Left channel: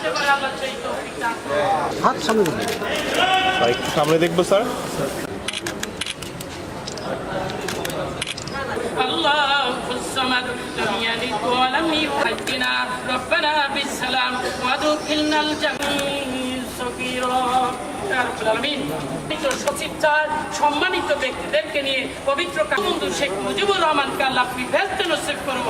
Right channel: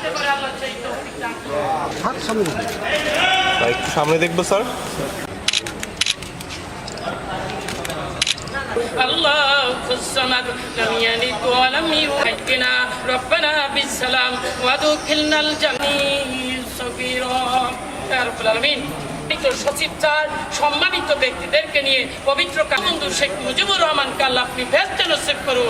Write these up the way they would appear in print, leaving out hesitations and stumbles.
দিতে পারে আল্লাহ সেই তৌফিক দান করুন। হাত সামনে দেখুন। একটু সামনে দেখবো স্যার। الله الصمد لم يلد ولم يولد ربنا بالسلام وادخلنا الجنة سفيرا يا رب العالمين। সচিব স্যার সম্মানিত ব্যক্তিদেরকে নিয়ে পবিত্র বন্ধু শেখ মুজিবুর রহমানকে আল্লাহ আপনি বেহেশতে নসিব করুন।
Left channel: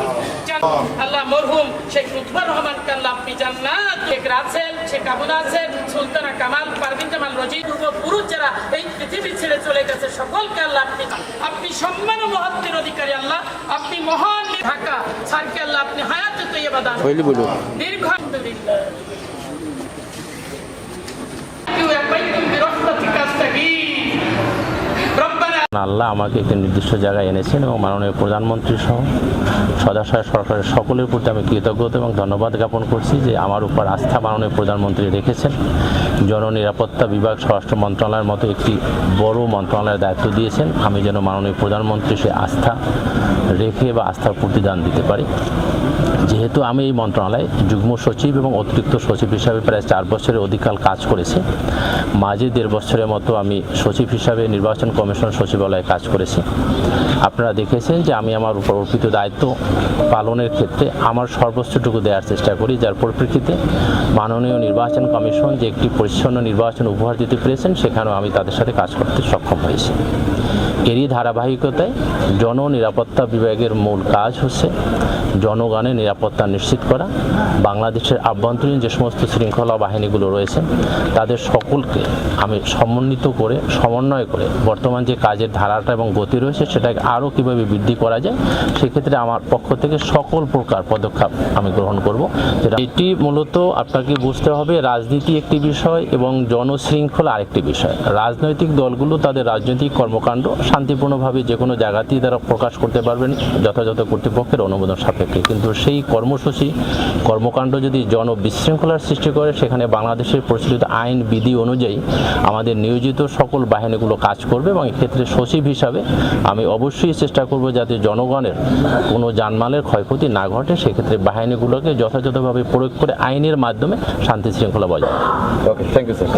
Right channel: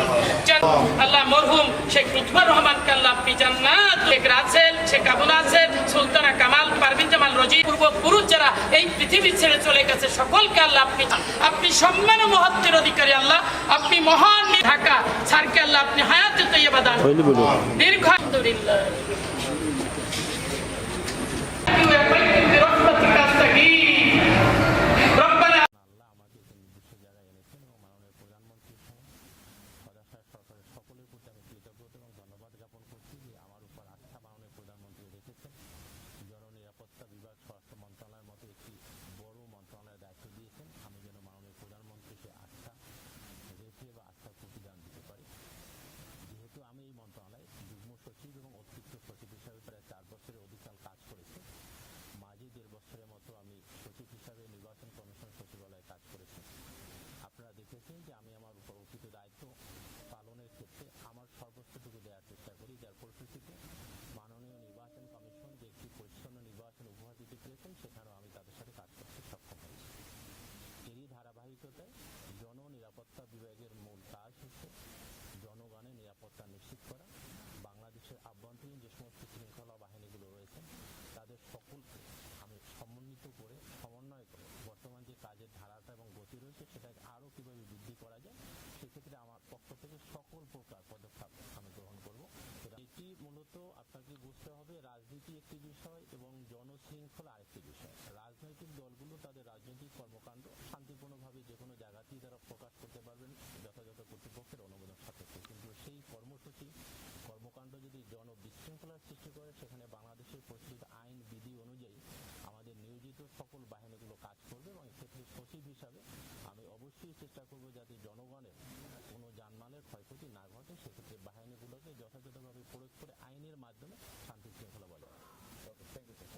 আল্লাহ মরহুম শেখ লুৎফর রহমানকে আল্লাহ আপনি জান্নাত, শেখ রাসেল, শেখ আবুল হাসেন, সুলতানা কামাল, পারভিন জামাল রোজি, পূর্বপুরুষ যারা এই পৃথিবী ছেড়ে চলে গেছে সকলকে আল্লাহ আপনি সম্মান ও মহত্বের অধিকারী আল্লাহ আপনি মহান ঢাকা স্যারকে আল্লাহ আপনি হায়াতে তৈয়বা দান দীর্ঘ আলহামদুলিল্লাহ। আল্লাহ আমাকে একটি নির্দিষ্ট জায়গায় এনেছেন এবং মাননীয় প্রধানমন্ত্রী সহ সদাশয় সরকারের সকলের প্রতি আমি কৃতজ্ঞতা এবং ধন্যবাদ জ্ঞাপন করছি যে আমার উপর আস্থা মাননীয় প্রধানমন্ত্রী রেখেছেন। জননিরাপত্তা বিভাগ স্বরাষ্ট্র মন্ত্রণালয়ের মতো একটি বড় মন্ত্রণালয়ের দায়িত্ব দিয়েছেন। আমি যেন মাননীয় প্রধানমন্ত্রী সে আস্থা রেখে বা আস্থার প্রতিদান দিতে পারি। যেহেতু আমি এই মন্ত্রণালয়ে যুগ্ম সচিব এবং অতিরিক্ত সচিব হিসাবে প্রায় 4 বছরের অধিককাল কাজ করেছি, মাঝে 1.5 বছরের মতো আমি সচিব হিসাবে নির্বাচন কমিশন সচিবালয়ে কাজ করেছি। আপনারা দেখেছেন যে আমি আমার উপর অর্পিত দায়িত্ব পালনের ক্ষেত্রে আমার সর্বোচ্চটুকু দেওয়ার চেষ্টা করি, যার পরিপ্রেক্ষিতে মাননীয় নির্বাচন কমিশন যে একটি পরিচ্ছন্ন নির্বাচন উপহার দিতে পেরেছেন সেখানেও আমি তাদের সাথে কাজ করতে সক্ষম হয়েছি। এরই ধারাবাহিকতায় জননিরাপত্তা বিভাগের মূল কাজ হচ্ছে জনগণের নিরাপত্তা নিশ্চিত করা। বাংলাদেশের আভ্যন্তরীণ যে সমস্ত শৃঙ্খলা বাহিনীগুলো রয়েছে তাদের সকলকে আমি সমন্বিত করে সমন্বয় করে বর্তমান যে কাজের ধারাটা এবং গতি রয়েছে সেটাকে আরও কীভাবে বৃদ্ধি করা যায় সেক্ষেত্রে আমার পক্ষ থেকে সকল প্রকার পদক্ষেপ আমি গ্রহণ করব। এটি মূলত আপনাকে বুঝতে হবে রাজনীতি একটি বিষয় এবং জনশৃঙ্খলা আরেকটি বিষয়। রাজনৈতিক দলগুলো তাদের রাজনৈতিক কর্মকাণ্ড শান্তিপূর্ণভাবে যে কোনো জায়গাতেই তারা প্রকাশ করতে পারবেন যথাযথ কর্তৃপক্ষের অনুমোদন সাপেক্ষে, কিন্তু সেই কর্মসূচি কর্মকাণ্ড যদি জনবিশৃঙ্খলার সৃষ্টি করে সেখানে বাংলাদেশের প্রচলিত আইন বিধি অনুযায়ী আমাদের নিয়োজিত সকল বাহিনীগুলো কাজ করবে এবং এক্ষেত্রে সচিব হিসাবে আমি অবশ্যই চেষ্টা করব যাতে জনগণের কোনো জানমালের ক্ষয়ক্ষতি না ঘটে, সেক্ষেত্রে বাহিনীগুলোকে যথাযথভাবে প্রয়োগ করে আইনের মাধ্যমে শান্তি শৃঙ্খলা বজায় রাখা। ওকে, থ্যাংক ইউ স্যার।